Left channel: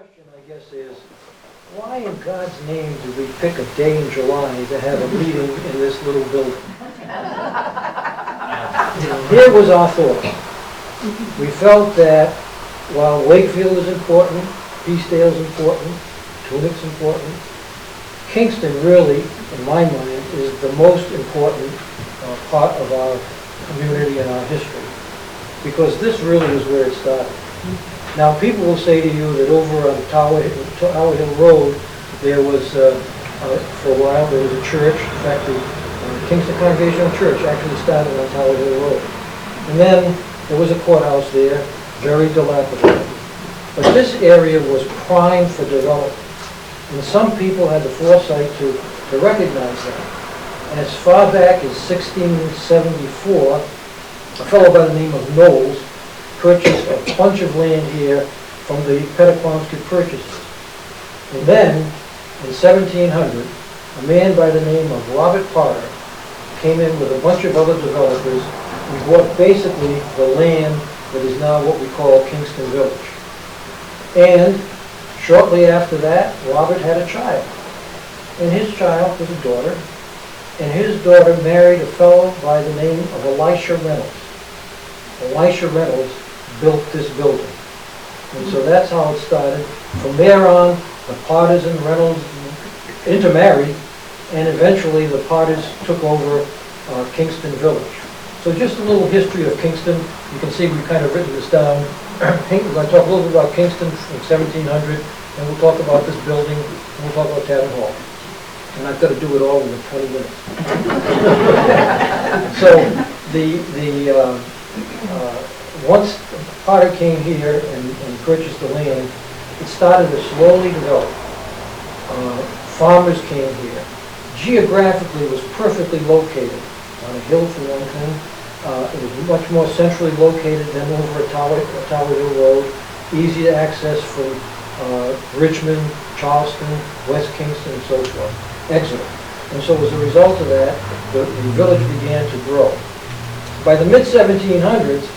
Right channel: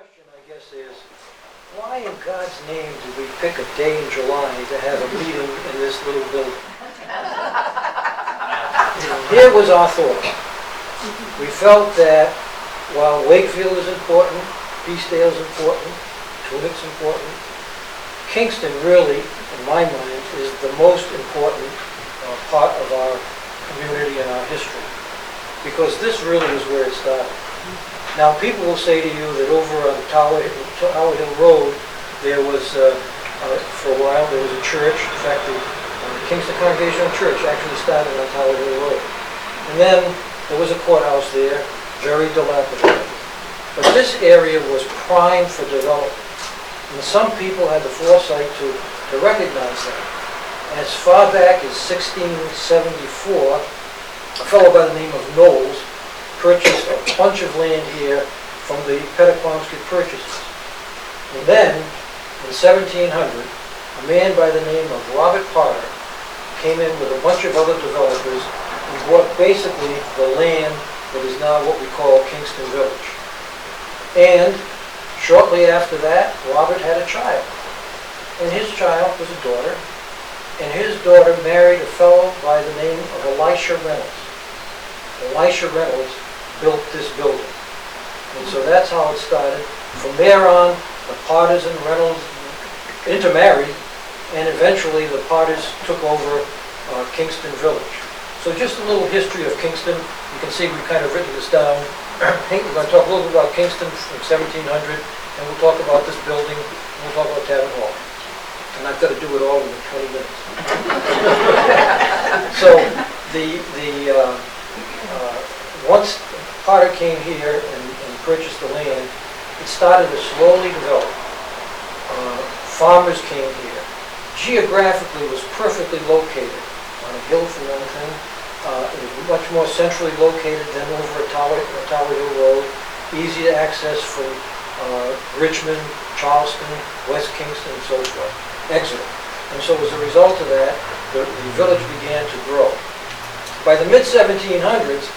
question, I guess, is why in God's name do we pick a day in July to have a meeting in this little building? Here was our thought. We felt that while Wakefield is important, Peacedale is important, Tunic's important, Kingston really, in my mind, is the most important part of our community and our history. Because this really is where it started. Now, people will say to you that over on Tower Hill Road, there was, for a while, there was a church. In fact, the Kingston Congregational Church actually started on Tower Hill Road. And then there was a courthouse there, very dilapidated. But this area was primed for development. And some people had the foresight to recognize that. As far back as 1674, a fellow by the name of Knowles purchased a bunch of land here from the Pettaquamscut purchasers. And then, in 1700, a man by the name of Robert Potter came in with a bunch of other developers and bought basically the land that is now what we call Kingston Village. And shortly after that, Robert had a child. And his child was a daughter. And his daughter married a fellow by the name of Elisha Reynolds. Elisha Reynolds built this building. And so that's how it started. From there on, the Potters and Reynolds intermarried, and eventually the Potters took over Kingston Village. So just a little history of Kingston. You can see we've kind of written this down. We're going to talk a little bit about Kingston from 1700, and we'll talk about this building, and we'll talk about Tavern Hall. And I've got to do it all in 20 minutes. So once Potter came here and purchased the land, it started to slowly develop. Farmers came here. Geographically, it was perfectly located on a hill for one thing. It was much more centrally located than over at Tower Hill Road. Easy to access from Richmond, Charleston, West Kingston, and so forth. Exeter. And so as a result of that, the village began to grow. By the mid-1700s,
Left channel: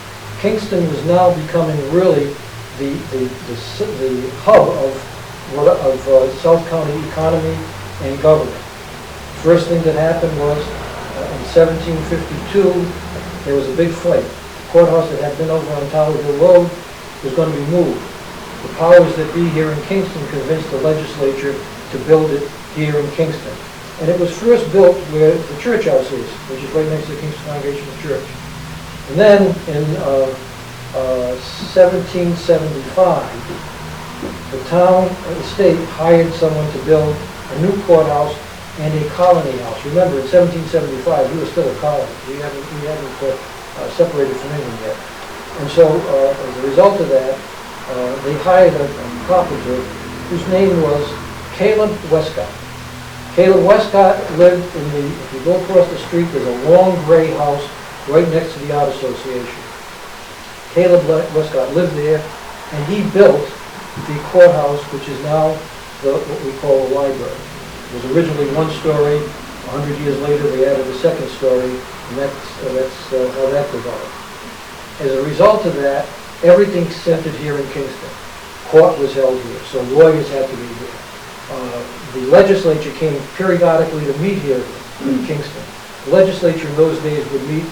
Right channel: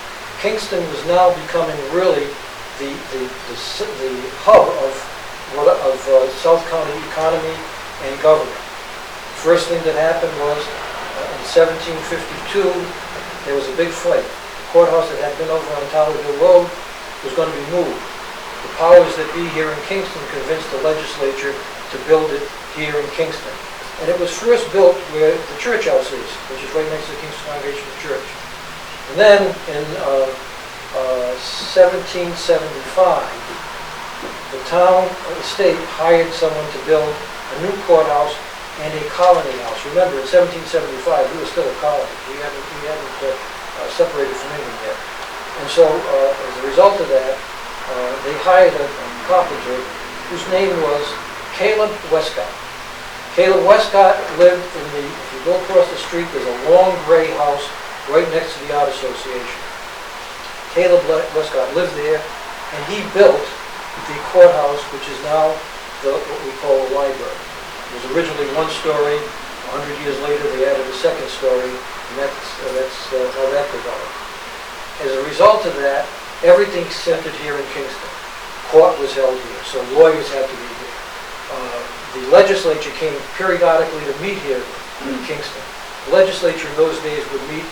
Kingston was now becoming really the hub of South County economy and government. First thing that happened was in 1752, there was a big fight. The courthouse that had been over on Tower Hill Road was going to be moved. The powers that be here in Kingston convinced the legislature to build it here in Kingston. And it was first built where the church house is, which is right next to the Kingston Congregational Church. And then in 1775, the town or the state hired someone to build a new courthouse and a colony house. Remember, in 1775, we were still a colony. We hadn't separated from England yet. And so, as a result of that, they hired a carpenter whose name was Caleb Westcott. Caleb Westcott lived in if you go across the street, there's a long gray house right next to the Art Association. Caleb Westcott lived there, and he built the courthouse, which is now what we call a library. It was originally one story. 100 years later, they added a second story, and that's how that developed. As a result of that, everything centered here in Kingston. Court was held here, so lawyers had to be here. The legislature came periodically to meet here in Kingston. The legislature in those days would meet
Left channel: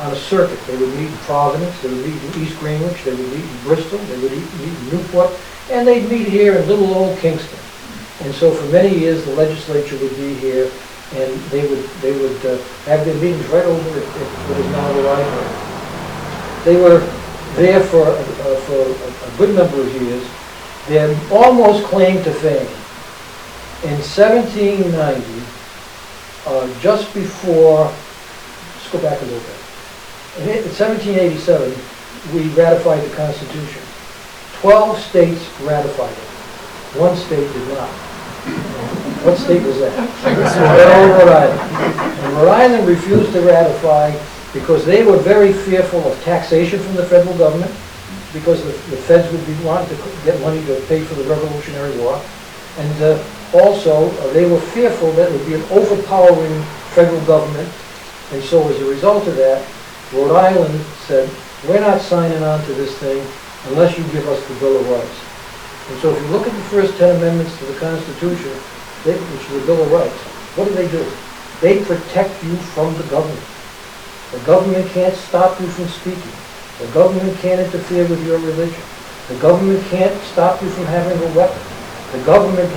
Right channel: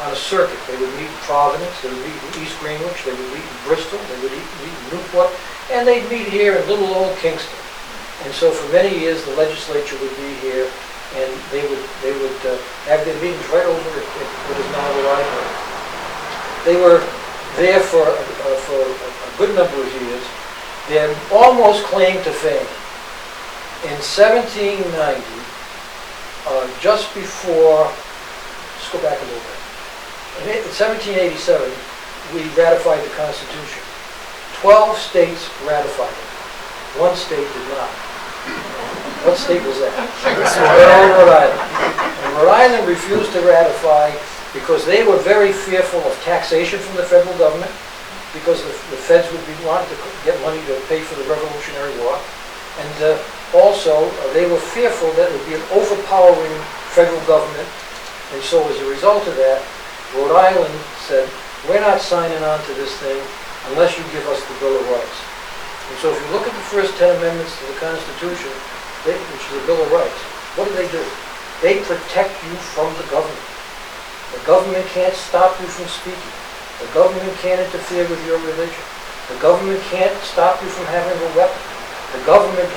on a circuit. They would meet in Providence, they would meet in East Greenwich, they would meet in Bristol, they would meet in Newport, and they'd meet here in little old Kingston. And so for many years, the legislature would be here, and they would have their meetings right over at what is now the library. They were there for a good number of years. They had almost claim to fame. In 1790, just before, let's go back a little bit. In 1787, we ratified the Constitution. 12 states ratified it. One state did not. What state was that? Rhode Island. And Rhode Island refused to ratify because they were very fearful of taxation from the federal government, because the feds would be wanting to get money to pay for the Revolutionary War. And also, they were fearful that it would be an overpowering federal government. And so as a result of that, Rhode Island said, we're not signing on to this thing unless you give us the Bill of Rights. And so if you look at the first 10 amendments to the Constitution, which is the Bill of Rights, what do? They protect you from the government. The government can't stop you from speaking. The government can't interfere with your religion. The government can't stop you from having a weapon. The government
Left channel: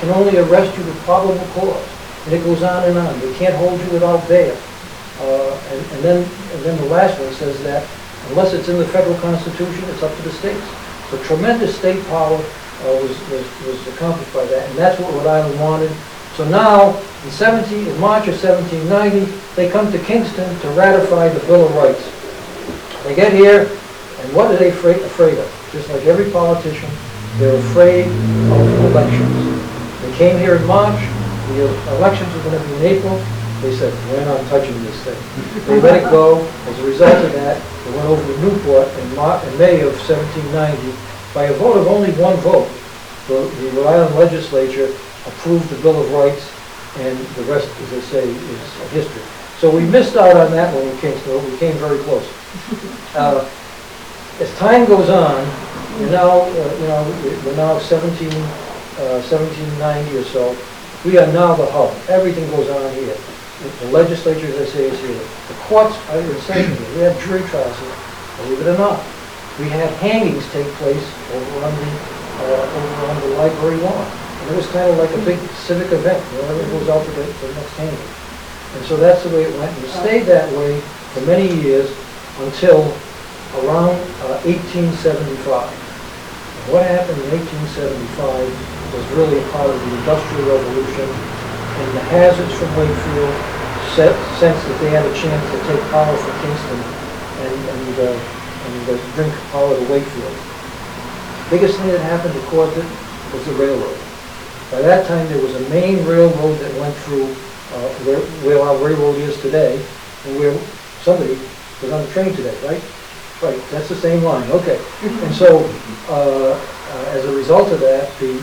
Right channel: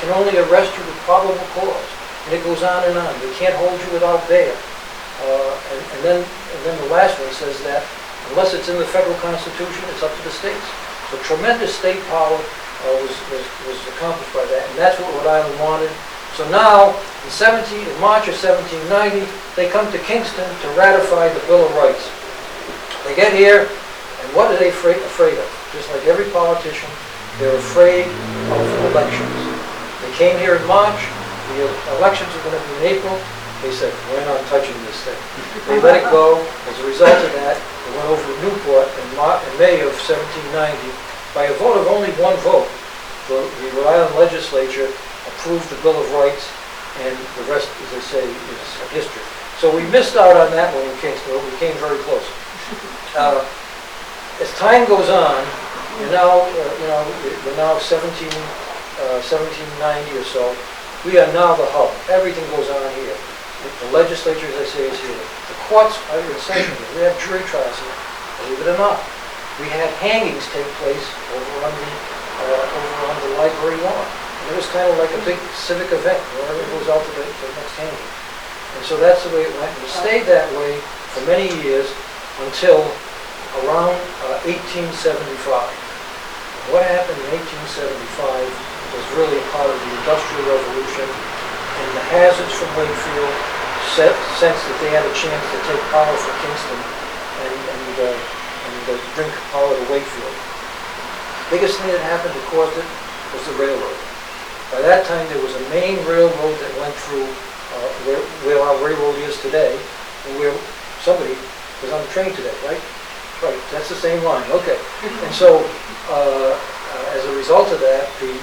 can only arrest you with probable cause. And it goes on and on. They can't hold you without bail. And then the last one says that unless it's in the federal Constitution, it's up to the states. So tremendous state power was accomplished by that, and that's what Rhode Island wanted. So now, in March of 1790, they come to Kingston to ratify the Bill of Rights. They get here, and what are they afraid of? Just like every politician, they're afraid of elections. They came here in March, the elections were going to be in April. They said, we're not touching this thing. They let it go. As a result of that, they went over to Newport in May of 1790. By a vote of only one vote, the Rhode Island legislature approved the Bill of Rights, and the rest, as I say, is history. So we missed out on that one in Kingston, but we came very close. As time goes on, we're now 1790 or so. We are now the hub. Everything goes on here. The legislature, as I say, is here. The courts are in session here. We have jury trials here. Believe it or not, we had hangings take place over on the library lawn. And it was kind of like a big civic event. It was out to the next hanging. And so that's the way it went. And it stayed that way for many years until around 1875. And what happened in 1875 was really a part of the Industrial Revolution, and the hazards from Wakefield sensed that they had a chance to take power from Kingston and bring power to Wakefield. The biggest thing that happened that caused it was the railroad. By that time, there was a main railroad that went through where our railroad is today, and where somebody was on the train today, right? Right, that's the same line, okay. And so, as a result of that, the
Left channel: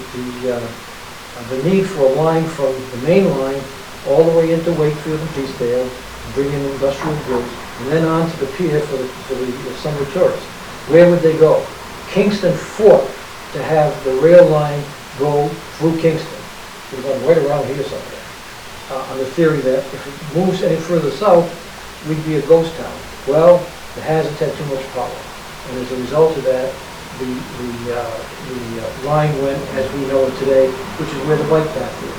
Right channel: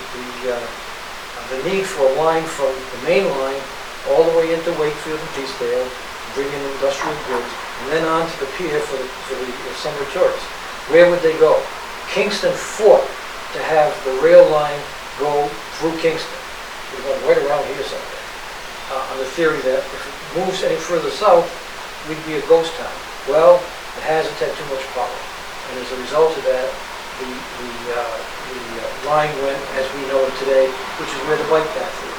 need for a line from the main line all the way into Wakefield and Peacedale, bringing industrial goods, and then on to the pier for the summer tourists. Where would they go? Kingston fought to have the rail line go through Kingston. It would have gone right around here somewhere, on the theory that if it moves any further south, we'd be a ghost town. Well, the hazards had too much power, and as a result of that, the line went as we know it today, which is where the bike path is.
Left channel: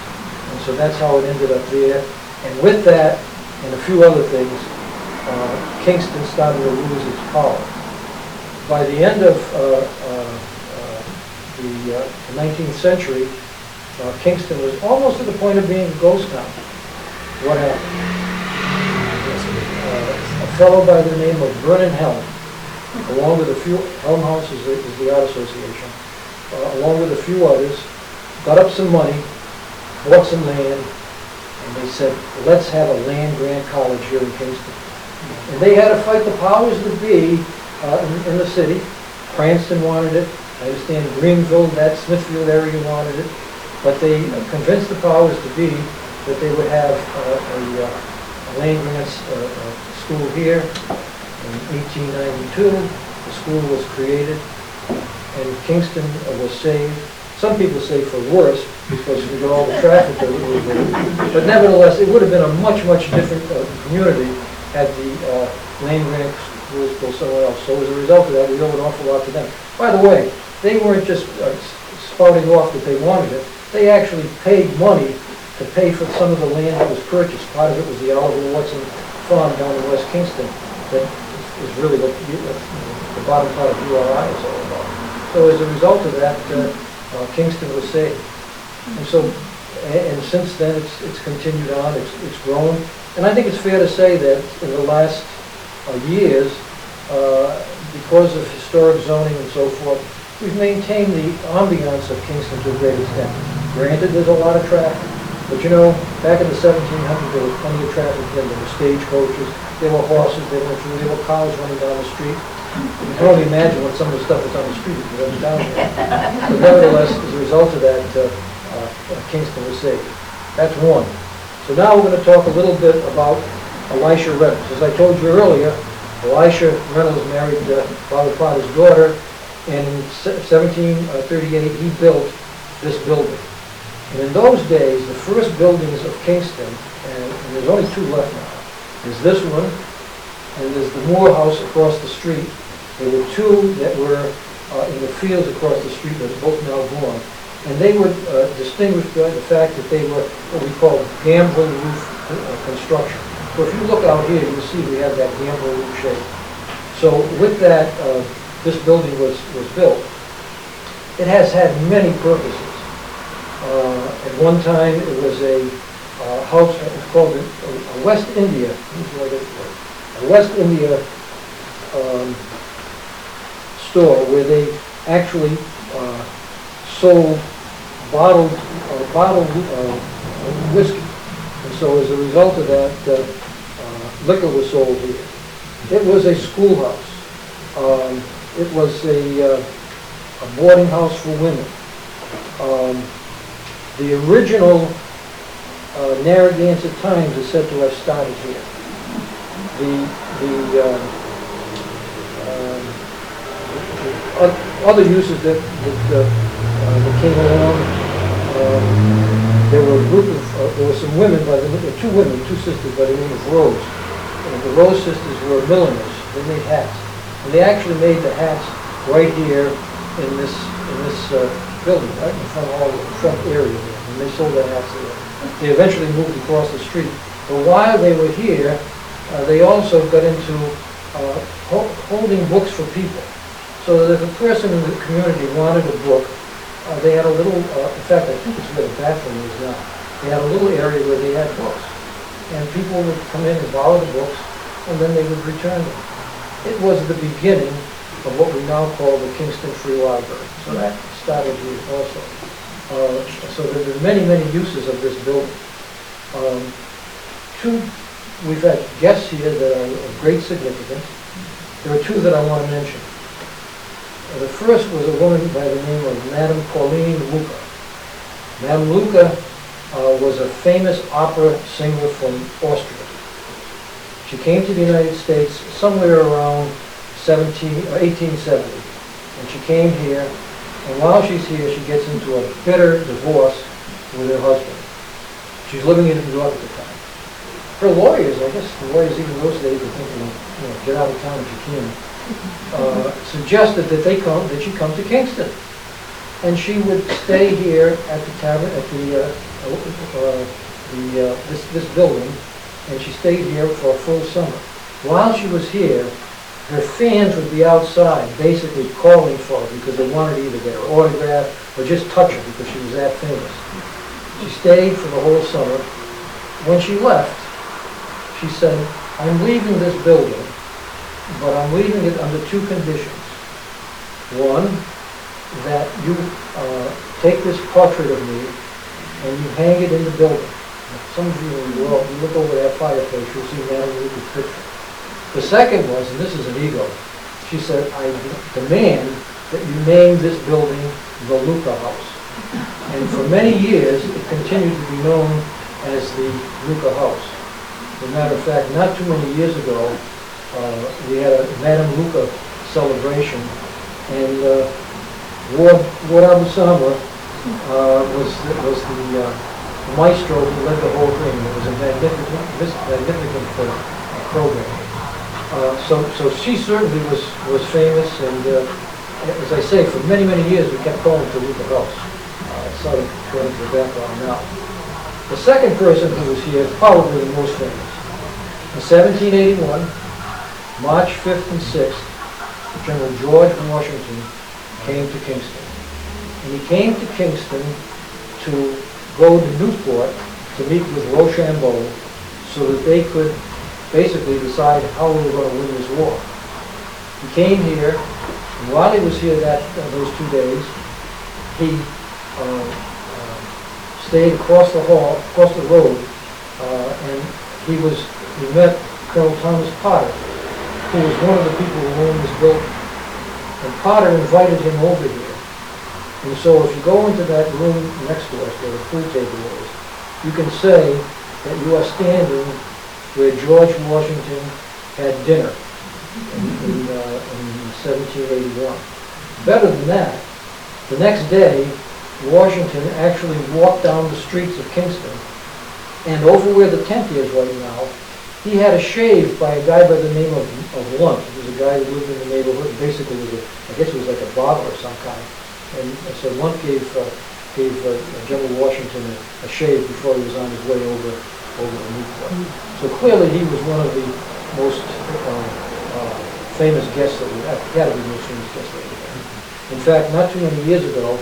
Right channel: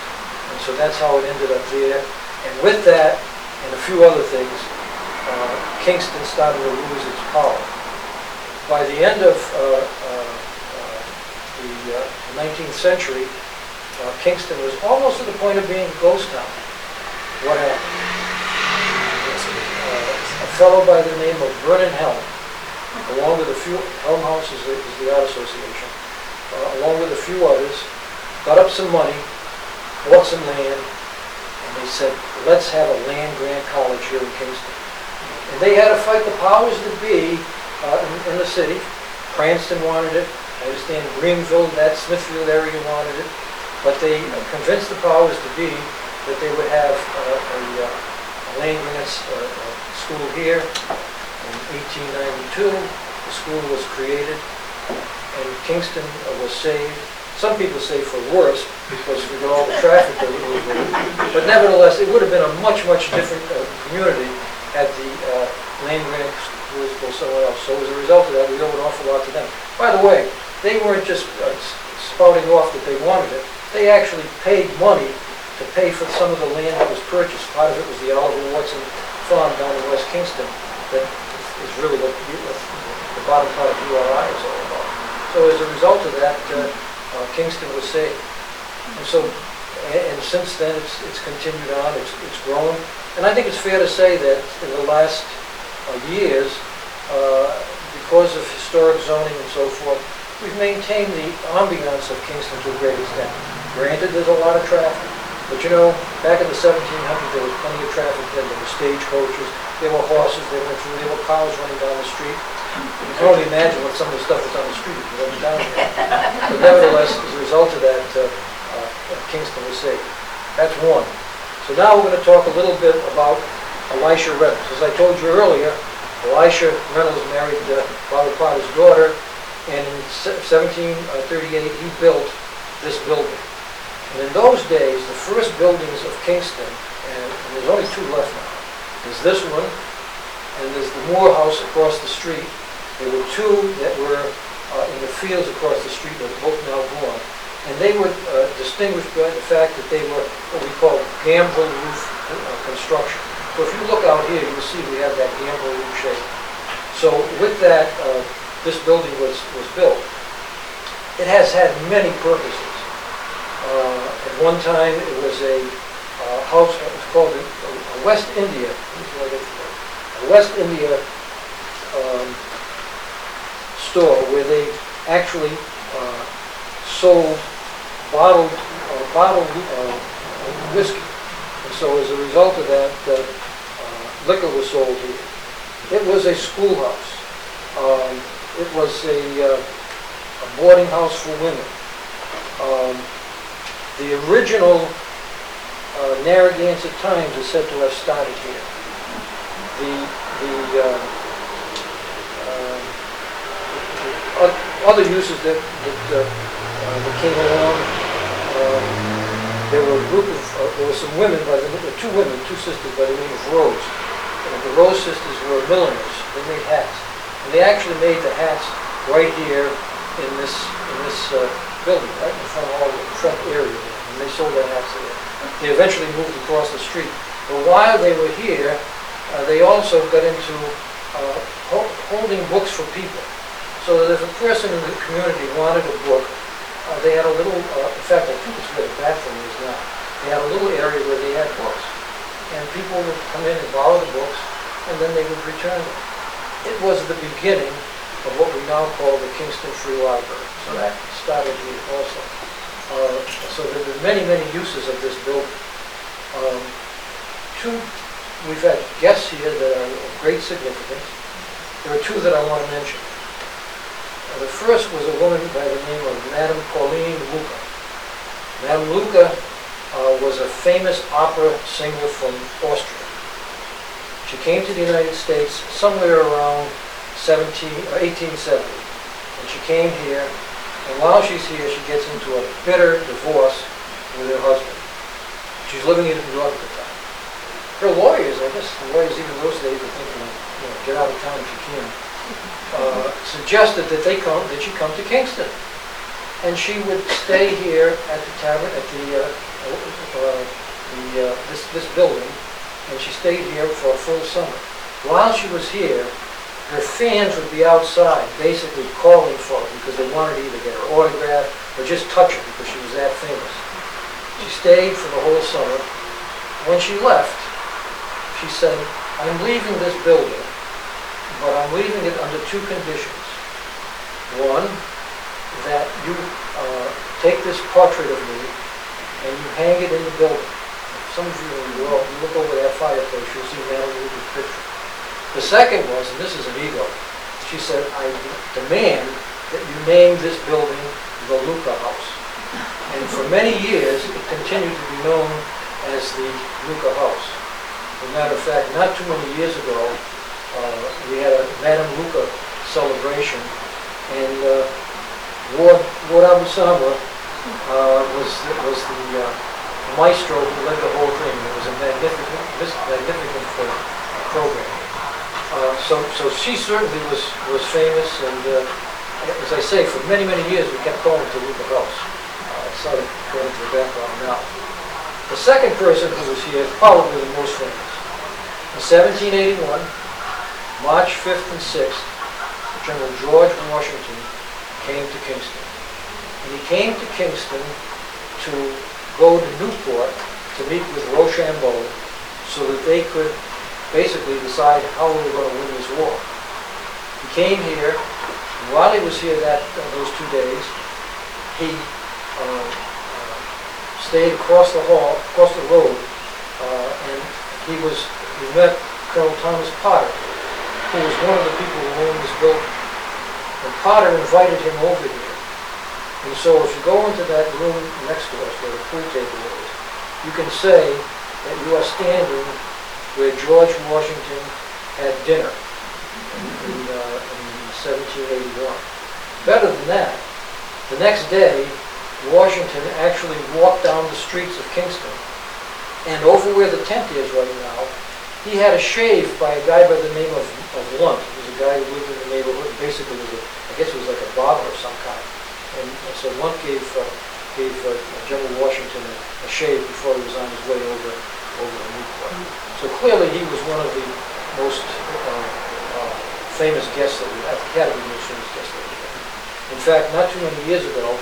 And so that's how it ended up there. And with that, and a few other things, Kingston started to lose its power. By the end of the 19th century, Kingston was almost to the point of being a ghost town. What happened? A fellow by the name of Vernon Helm, along with a few, Helm House is the art association, along with a few others, got up some money, bought some land, and they said, let's have a land-grant college here in Kingston. And they had to fight the powers that be in the city. Cranston wanted it. I understand Greenville, that Smithfield area wanted it. But they convinced the powers to be that they would have a land-grant school here. In 1892, the school was created, and Kingston was saved. Some people say for worse, because we got all the traffic that we were getting. But nevertheless, it would have been a much, much different community had the land-grant schools go somewhere else. So as a result of that, we owe an awful lot to them. By the way, they weren't just spouting off that they wanted it. They actually paid money to pay for some of the land that was purchased. Part of it was the Oliver Watson farm down in West Kingston that is really what the bottom part of URI is all about. So as a result of that, Kingston was saved. And so, and since then it's continued on, it's grown. And I think it's fair to say that in the last years, because of historic zoning and so forth, we've maintained the ambiance of Kingston to a great extent. Granted, there's a lot of traffic, but you know, back in the 1700s, there was plenty of traffic then. There were stagecoaches, there were horses running through, there were cars running down the street. You can only imagine what some of the stuff was on the street if you wasn't down there. But nevertheless, as a result of that, Kingston was saved. That's one. So now we're going to talk a little bit about Elisha Reynolds. As I told you earlier, Elisha Reynolds married Bobby Potter's daughter, And in 1738, he built this building. And in those days, the first buildings of Kingston, and there's only two left now, there's this one, and there's the Moore House across the street. There were two that were in the fields across the street that are both now gone. And they were distinguished by the fact that they were what we call gambrel roof construction. So if you look out here, you'll see we have that gambrel roof shape. So with that, this building was built. It has had many purposes. At one time, it was a house, it was called a West India, a West India store where they actually sold bottled whiskey. And so as a result of that, liquor was sold here. It was a schoolhouse. It was a boarding house for women. The original Narragansett Times is said to have started here. The other uses that came along, there were a group of, there were some women, two sisters by the name of Rose. And the Rose sisters were milliners. They made hats. And they actually made the hats right here in this building, right in front of all the front area there. And they sold their hats there. They eventually moved across the street. But while they were here, they also got into holding books for people. So that if a person in the community wanted a book, they had a little, in fact, I think it's where the bathroom is now. They had a little area where they had books. And people would come in and borrow the books, and then they would return them. It was the beginning of what we now call the Kingston Free Library. So that started here also. So there were many, many uses of this building. We've had guests here that are of great significance. There are two that I want to mention. The first was a woman by the name of Madame Pauline Luca. Madame Luca was a famous opera singer from Austria. She came to the United States somewhere around 1870. And she came here, and while she's here, she gets into a bitter divorce with her husband. She's living in New York at the time. Her lawyers, I guess the lawyers even those days were thinking, get out of town if you can. Suggested that she come to Kingston, and she would stay here at the tavern at this building, and she stayed here for a full summer. While she was here, her fans would be outside, basically calling for her because they wanted to either get her autograph or just touch her because she was that famous. She stayed for the whole summer. When she left, she said, "I'm leaving this building, but I'm leaving it under two conditions. One, that you take this portrait of me and you hang it in the building." Some of you in the world, you look over that fireplace, you'll see Madame Luca's picture. The second was, and this is an ego, she said, "I demand that you name this building the Luca House." And for many years, it continued to be known as the Luca House. As a matter of fact, not too many years ago, we had a Madame Luca celebration, and Ward Abu-Sama was the maestro who led the whole thing. It was a magnificent program. So she certainly was famous, and as I say, for many, many years we kept calling it the Luca House. Sort of going to the background now. The second person who was here, probably the most famous. In 1781, March 5th and 6th, General George Washington came to Kingston. And he came to Kingston to go to Newport to meet with Rochambeau so that they could basically decide how we were going to win this war. He came here, and while he was here those 2 days, he stayed across the road, and he met Colonel Thomas Potter, who was one of the people who owned this building. And Potter invited him over here. And so if you go into that room next to us where the food table is, you can say that you are standing where George Washington had dinner in 1781. Better than that, the next day, Washington actually walked down the streets of Kingston, and over where the tent is right now, he had a shave by a guy by the name of Lunt. He was a guy who lived in the neighborhood, basically was I guess it was like a barber of some kind. And so Lunt gave General Washington a shave before he was on his way over the Newport. So clearly he was one of the most famous guests that we had. He had to be the most famous guest that we had. In fact, not too many years ago,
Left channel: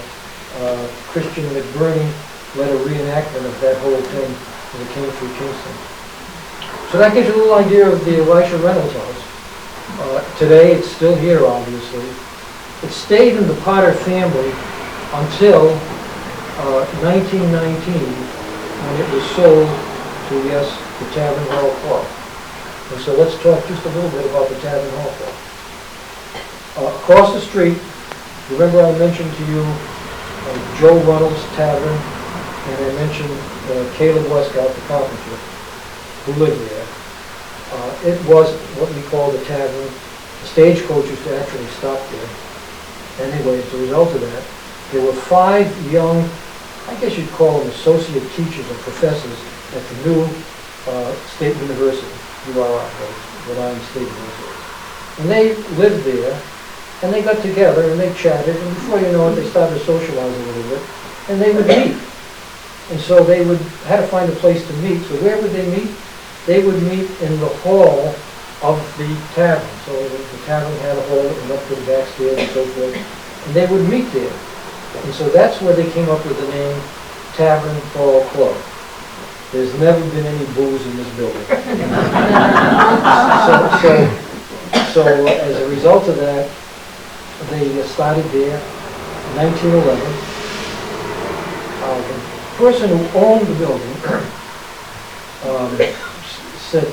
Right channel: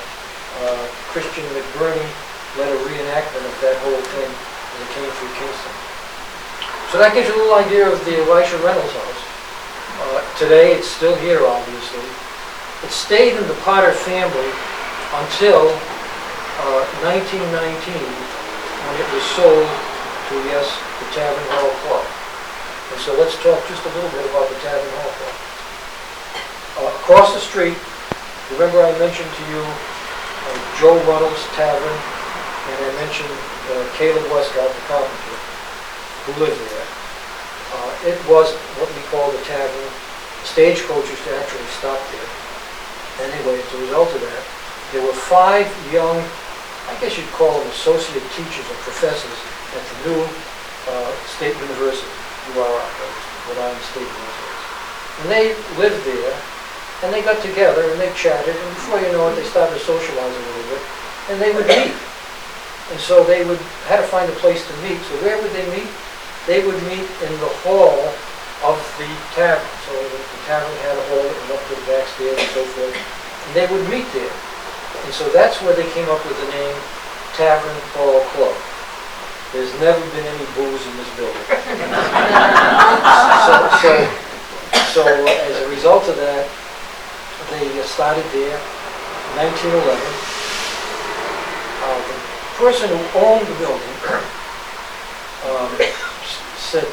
Christian McBurney led a reenactment of that whole thing as it came through Kingston. So that gives you a little idea of the Elisha Reynolds house. Today it's still here, obviously. It stayed in the Potter family until 1919, when it was sold to, yes, the Tavern Hall Club. And so let's talk just a little bit about the Tavern Hall Club. Across the street, remember I mentioned to you Joe Reynolds Tavern, and I mentioned Caleb Westcott, the carpenter, who lived there. It was what we call the tavern. The stagecoach used to actually stop there. Anyway, as a result of that, there were 5 young, I guess you'd call them associate teachers or professors at the new State University, URI, Rhode Island State University. And they lived there, and they got together, and they chatted, and before you know it, they started to socialize a little bit, and they would meet. And so they had to find a place to meet. So where would they meet? They would meet in the hall of the tavern. So the tavern had a hall that went up to the back stairs and so forth. And they would meet there. And so that's where they came up with the name Tavern Hall Club. There's never been any booze in this building. So as a result of that, they started there in 1911. The person who owned the building said,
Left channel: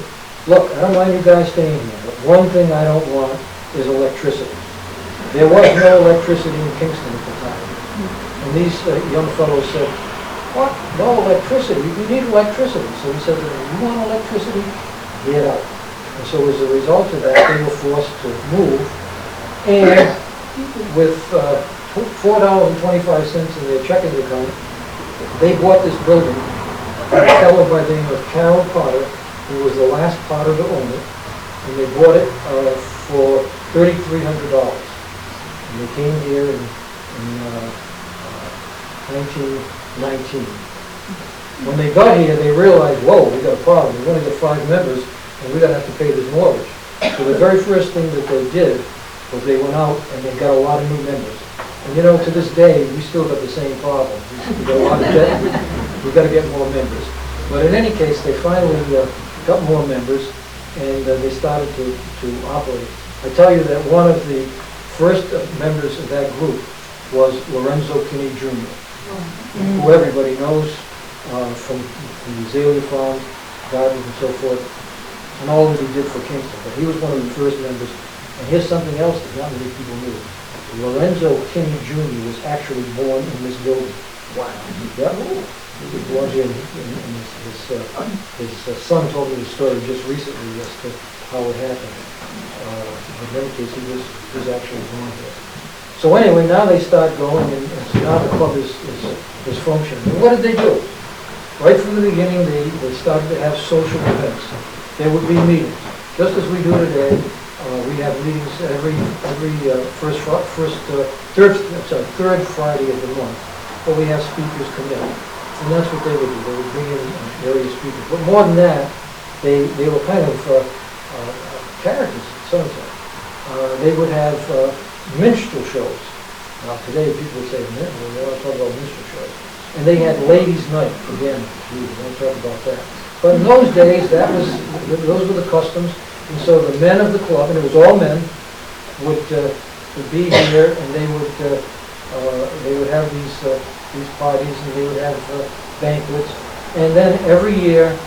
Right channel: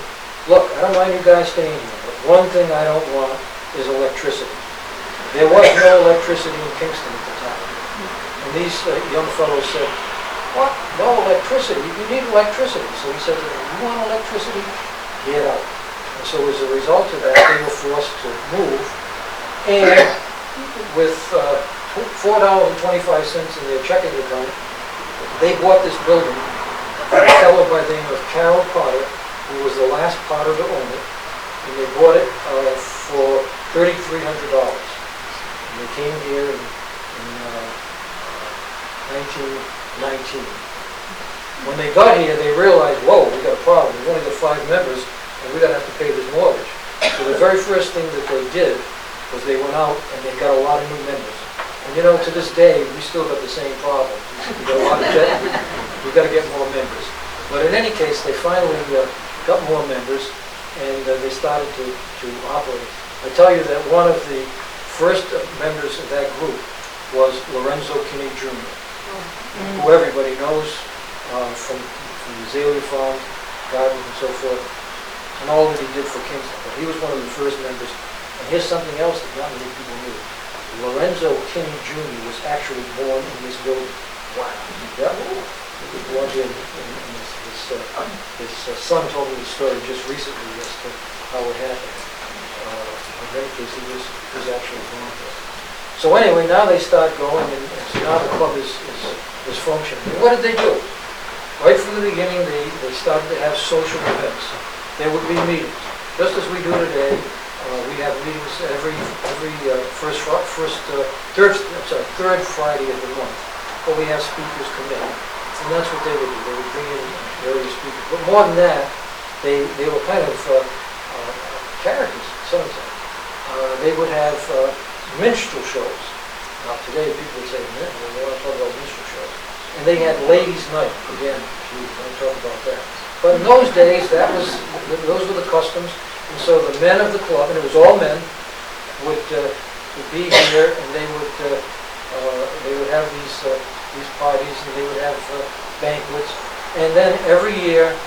look, I don't mind you guys staying here, but one thing I don't want is electricity. There was no electricity in Kingston at the time. And these young fellows said, what? No electricity? You need electricity. So he said, you want electricity? Get out. And so as a result of that, they were forced to move. And with $4.25 in their checking account, they bought this building from a fellow by the name of Carol Potter, who was the last Potter to own it, and they bought it for $3,300. And they came here in 1919. When they got here, they realized, whoa, we got a problem. We've only got 5 members, and we're going to have to pay this mortgage. So the very first thing that they did was they went out and they got a lot of new members. And you know, to this day, we still got the same problem. We got a lot of debt. We've got to get more members. But in any case, they finally got more members, and they started to operate. I tell you that one of the first members of that group was Lorenzo Kinney Jr., who everybody knows from the Azalea Farm, gardens and so forth, and all that he did for Kingston. But he was one of the first members. And here's something else that not many people knew. Lorenzo Kinney Jr. was actually born in this building. Wow. Yeah. He was born here, and his son told me the story just recently as to how it happened. In many cases, he was actually born here. So anyway, now they start going, and so now the club is functioning. And what did they do? Right from the beginning, they started to have social events. There would be meetings, just as we do today. We have meetings every third Friday of the month, where we have speakers come in, and that's what they would do. They would bring in various speakers, but more than that, they were kind of characters. So they would have minstrel shows. Now today, people would say, they want to talk about minstrel shows, and they had ladies' night again. We don't talk about that. But in those days, those were the customs. And so the men of the club, and it was all men, would be here, and they would have these parties, and they would have banquets. And then every year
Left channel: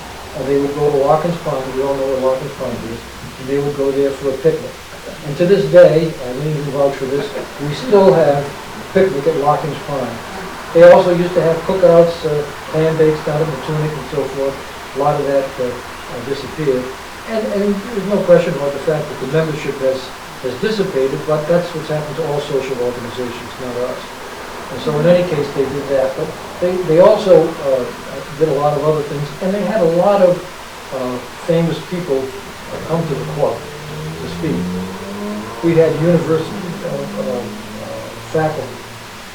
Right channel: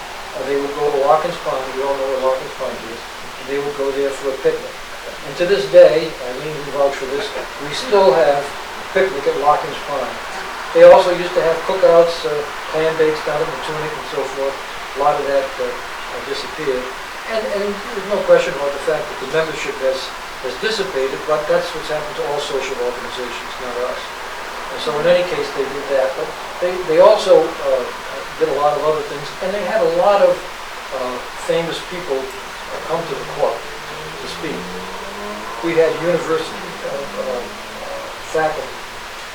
they would go to Larkin's Pond. You all know what Larkin's Pond is. And they would go there for a picnic. And to this day, I mean, we vouch for this, we still have picnic at Larkin's Pond. They also used to have cookouts, clam bakes down at Matunic and so forth. A lot of that disappeared. And there's no question about the fact that the membership has has dissipated, but that's what's happened to all social organizations, not us. And so in any case, they did that. But they also did a lot of other things, and they had a lot of famous people come to the court to speak. We had university faculty.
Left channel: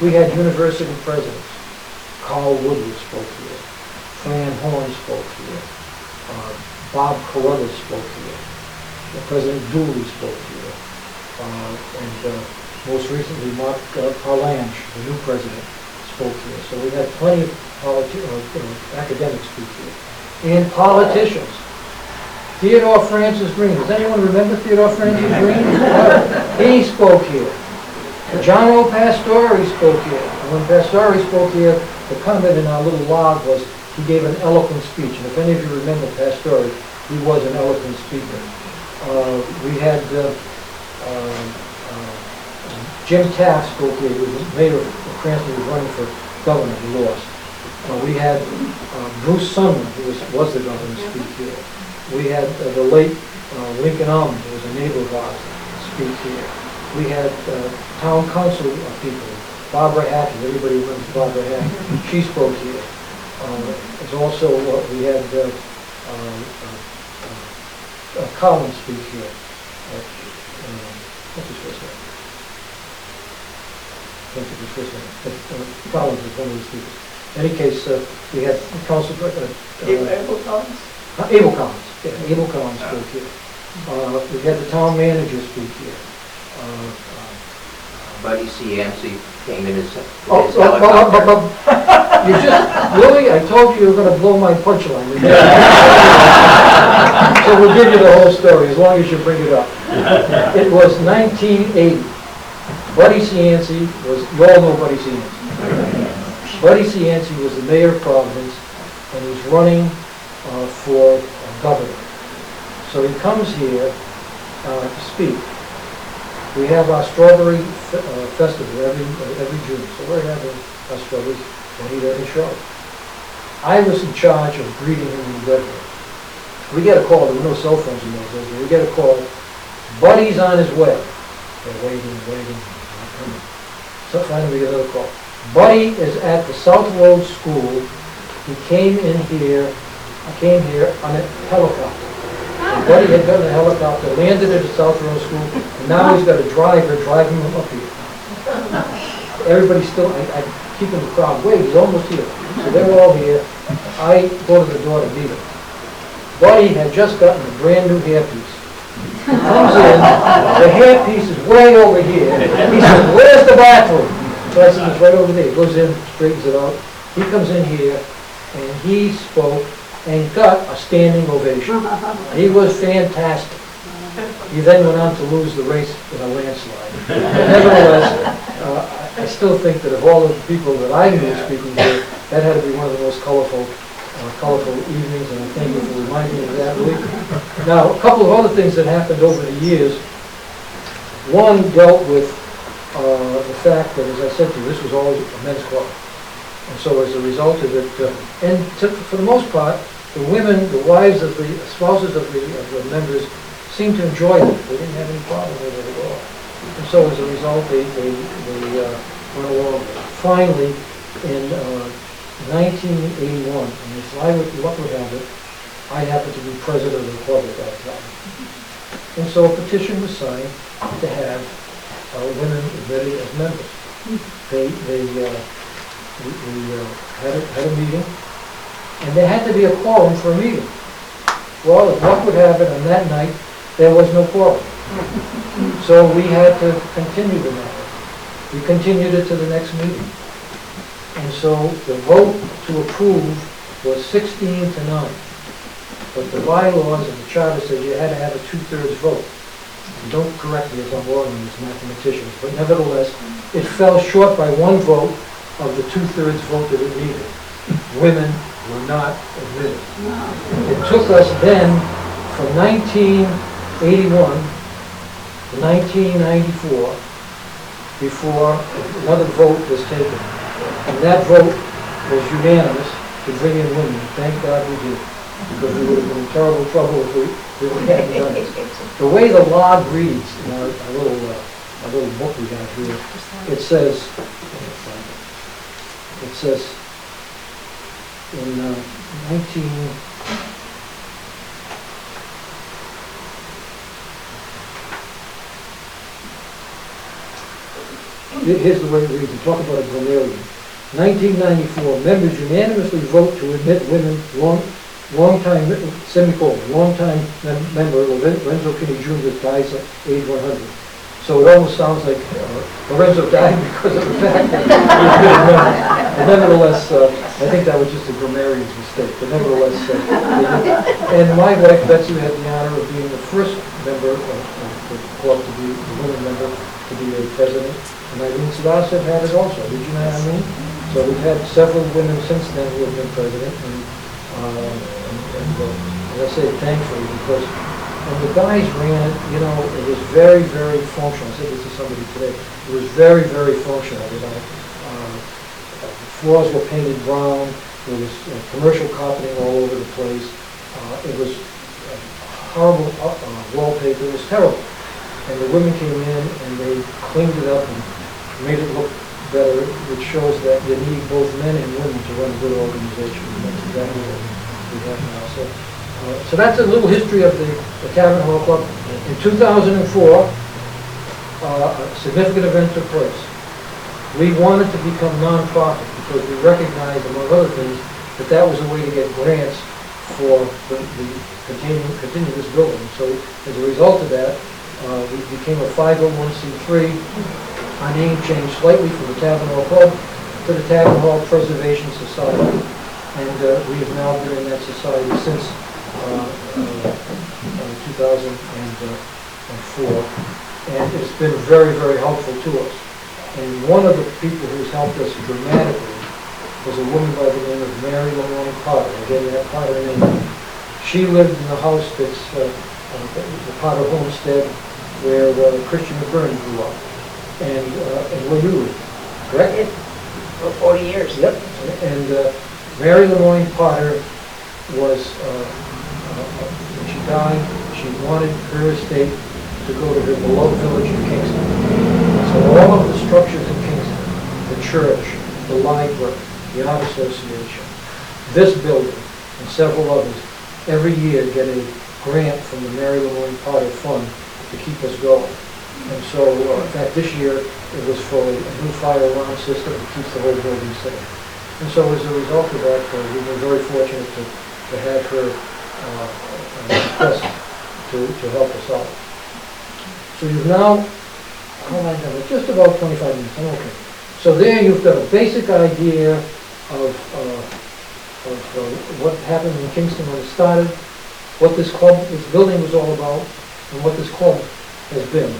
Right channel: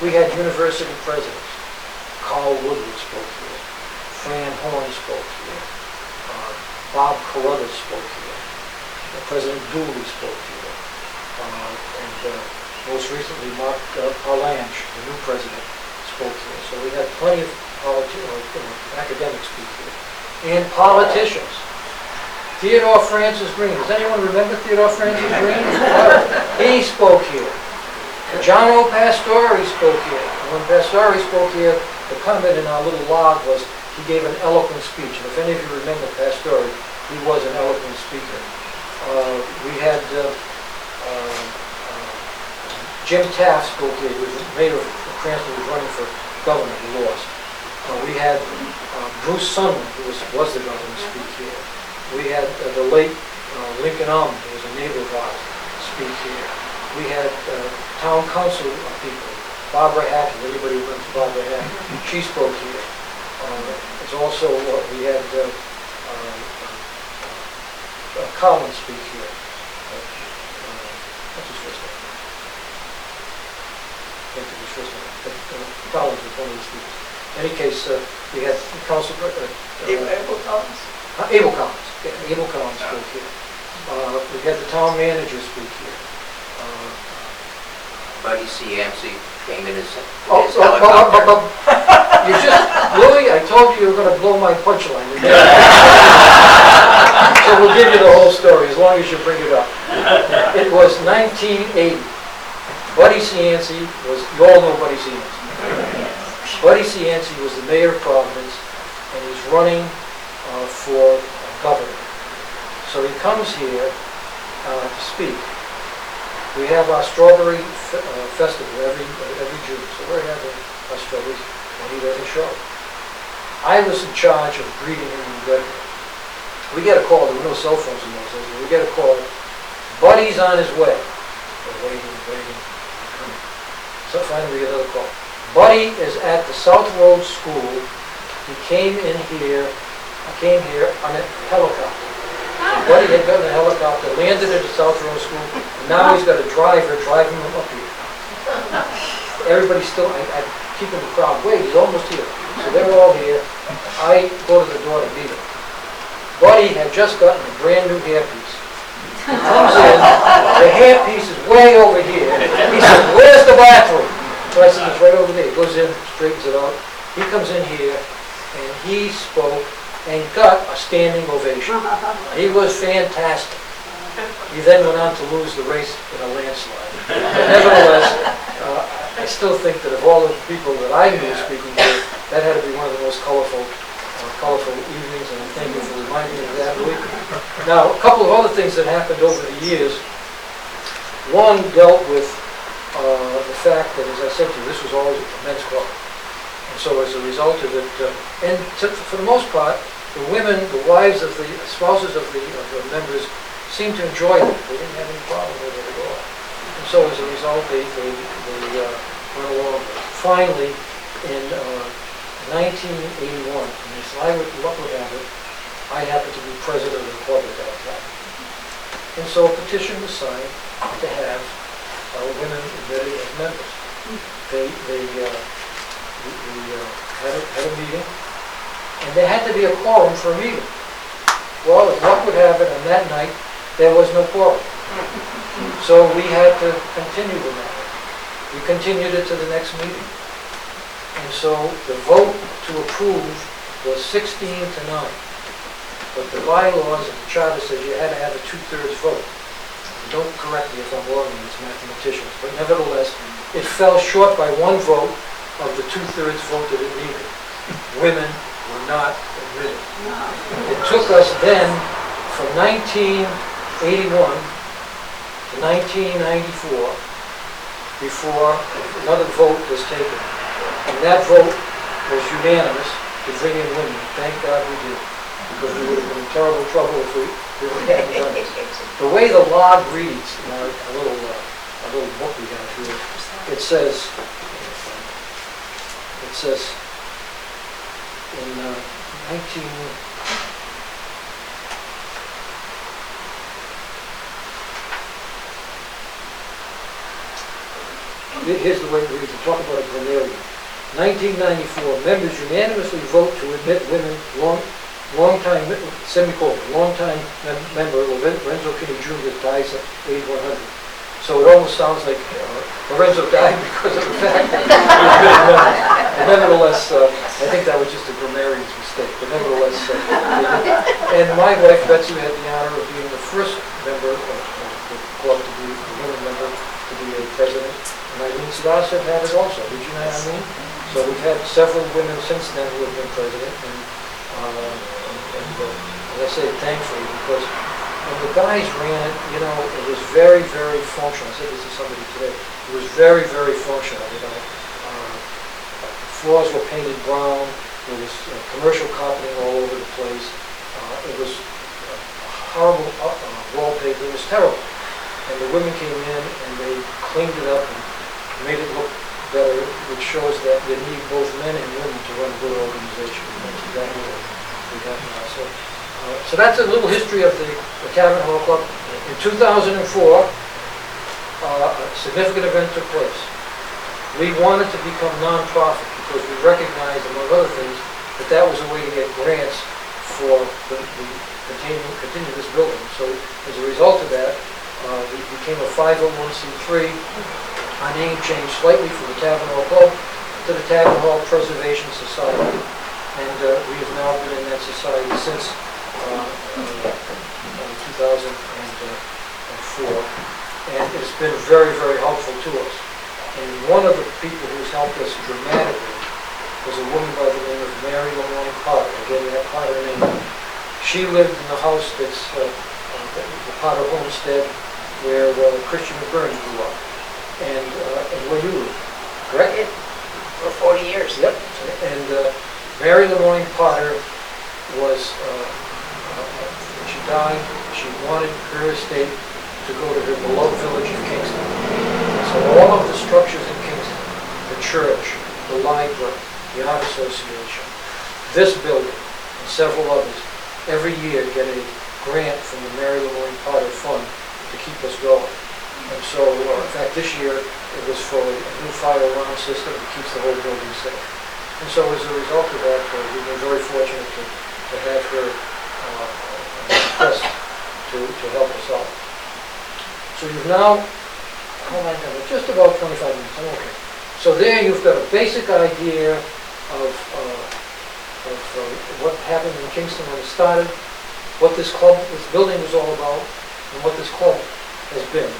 We had university presidents. Carl Woodward spoke here. Fran Horn spoke here. Bob Carruthers spoke here. President Dooley spoke here. And most recently, Mark Palange, the new president, spoke here. So we had plenty of academics speak here. And politicians. Theodore Francis Green. Does anyone remember Theodore Francis Green? He spoke here. John O. Pastore spoke here. And when Pastore spoke here, the comment in our little log was he gave an eloquent speech. And if any of you remember Pastore, he was an eloquent speaker. We had Jim Taft spoke here. He was the mayor of Cranston, who was running for governor. He lost. We had Bruce Sumner, who was the governor, speak here. We had the late Lincoln who was a neighbor of ours, speak here. We had town council people, Barbara Hackett. Everybody remembers Barbara Hackett. She spoke here. There's also we had Collins speak here. What's his first name? Can't think of his first name. But Collins was one of the speakers. In any case, we had Council Abel Collins? Abel Collins. Yeah, Abel Collins spoke here. We had the town manager speak here. Buddy C. Yancey came in his You just, Louis, I told you were going to blow my punchline. So we'll give you the whole story, as long as you bring it up. It was 1980. Buddy C. Yancey was, you all know Buddy C. Yancey. Buddy C. Yancey was the mayor of Providence, and he was running for governor. So he comes here to speak. We have our strawberry festival every June, so we're having our strawberries, but he doesn't show. I was in charge of greeting him when he got here. We get a call, there were no cell phones in those days, but we get a call, Buddy's on his way. We're waiting, not coming. So finally we get another call. Buddy is at the South Road School. He came in here, on a helicopter. And Buddy had gotten a helicopter, landed at the South Road School, and now he's got a driver driving him up here. Everybody's still, I keep in the crowd, wait, he's almost here. So they're all here. I go to the door to meet him. Buddy had just gotten a brand new hairpiece. He comes in, the hairpiece is way over here. He says, where's the bathroom? So I said, it's right over there. He goes in, straightens it out. He comes in here, and he spoke and got a standing ovation. He was fantastic. He then went on to lose the race in a landslide. But nevertheless, I still think that of all of the people that I knew speaking here, that had to be one of the most colorful evenings, and I thank you for reminding me of that, Louis. Now, a couple of other things that happened over the years. One dealt with the fact that, as I said to you, this was all a men's club. And so as a result of it, for the most part, the women, the wives of the spouses of the members seemed to enjoy it. They didn't have any problem with it at all. And so as a result, they went along. Finally, in 1981, and as luck would have it, I happened to be president of the club at that time. And so a petition was signed to have women admitted as members. We had a meeting, and there had to be a quorum for a meeting. Well, as luck would have it, on that night, there was no quorum. So we had to continue the matter. We continued it to the next meeting. And so the vote to approve was 16 to 9. But the bylaws and the charter says you had to have a 2/3 vote. Don't correct me if I'm wrong on this, mathematicians, but nevertheless, it fell short by one vote of the 2/3 vote that it needed. Women were not admitted. It took us then from 1981 to 1994 before another vote was taken. And that vote was unanimous to bring in women. Thank God we did. because we would have been in terrible trouble if we hadn't done it. The way the log reads, in our little book we have here, it says in 19... Here's the way it reads, we talk about a grammarian. 1994, members unanimously vote to admit women, long-time member Lorenzo Kinney Jr. dies at age 100. So it almost sounds like Lorenzo died because of the fact that he was good member. But nevertheless, I think that was just a grammarian's mistake. But nevertheless, and my wife Betsy had the honor of being the first member of the club to be a woman member to be a president. And Eileen Sebastian had it also. Did you know what I mean? So we've had several women since then who have been president, and as I say, thankfully, because when the guys ran it, you know, it was very, very functional. I said this to somebody today. It was very, very functional, you know. Floors were painted brown. There was commercial carpeting all over the place. It was horrible wallpaper. It was terrible. And the women came in and they cleaned it up and made it look better, which shows that you need both men and women to run a good organization. And that's exactly what we have now. So that's a little history of the Tavern Hall Club. In 2004, a significant event took place. We wanted to become non-profit because we recognized, among other things, that that was a way to get grants for the continue this building. So as a result of that, we became a 501c3. Our name changed slightly from the Tavern Hall Club to the Tavern Hall Preservation Society, and we have now been in that society since 2004, and it's been very, very helpful to us. And one of the people who's helped us dramatically was a woman by the name of Mary Lemoyne Potter. Again, that Potter name. She lived in the house that's the Potter Homestead, where Christian McBurn grew up. And where you live, correct? For 40 years. Yep. And Mary Lemoyne Potter was, when she died, she wanted her estate to go to her beloved village in Kingston. So all of the structures in Kingston, the church, the library, the art association, this building, and several others, every year get a grant from the Mary Lemoyne Potter Fund to keep us going. And so, in fact, this year it was for a new fire alarm system that keeps the whole building safe. And so as a result of that, we've been very fortunate to have her request to help us out. So you've now, how long have it? Just about 25 minutes, I'm okay. So there you've got a basic idea of what happened in Kingston when it started, what this building was all about, and what this club has been.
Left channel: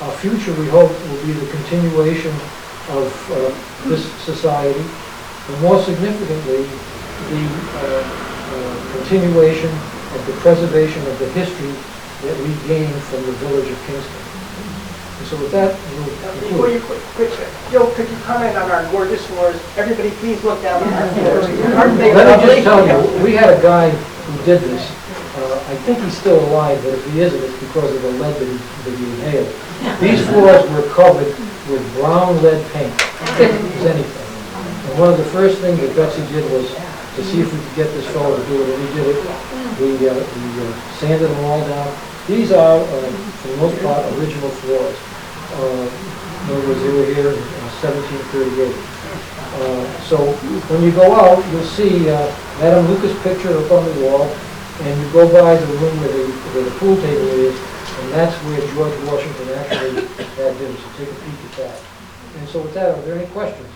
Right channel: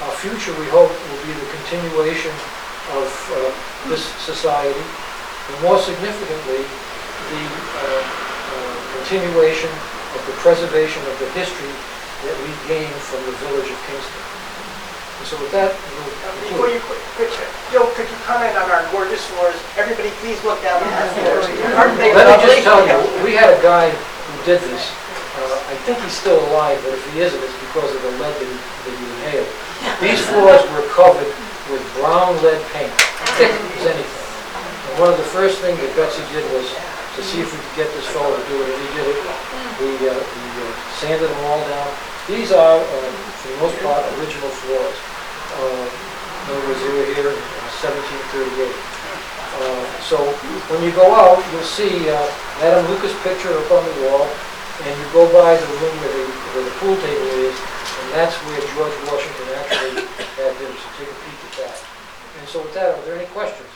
Our future, we hope, will be the continuation of this society, and more significantly, the continuation of the preservation of the history that we gained from the village of Kingston. And so with that, we'll Before you quit, Joe, could you comment on our gorgeous floors? Everybody please look down at the floors. Aren't they Let me just lovely? tell you, we had a guy who did this. I think he's still alive, but if he isn't, it's because of the lead that he inhaled. These floors were covered with brown lead paint, thick as anything. And one of the first things that Betsy did was to see if we could get this fellow to do it, and he did it. We sanded them all down. These are, for the most part, original floors. In other words, they were here in 1738. So when you go out, you'll see Adam Lucas' picture up on the wall, and you go by the room where the pool table is, and that's where George Washington actually had his. So take a peek at that. And so with that, are there any questions?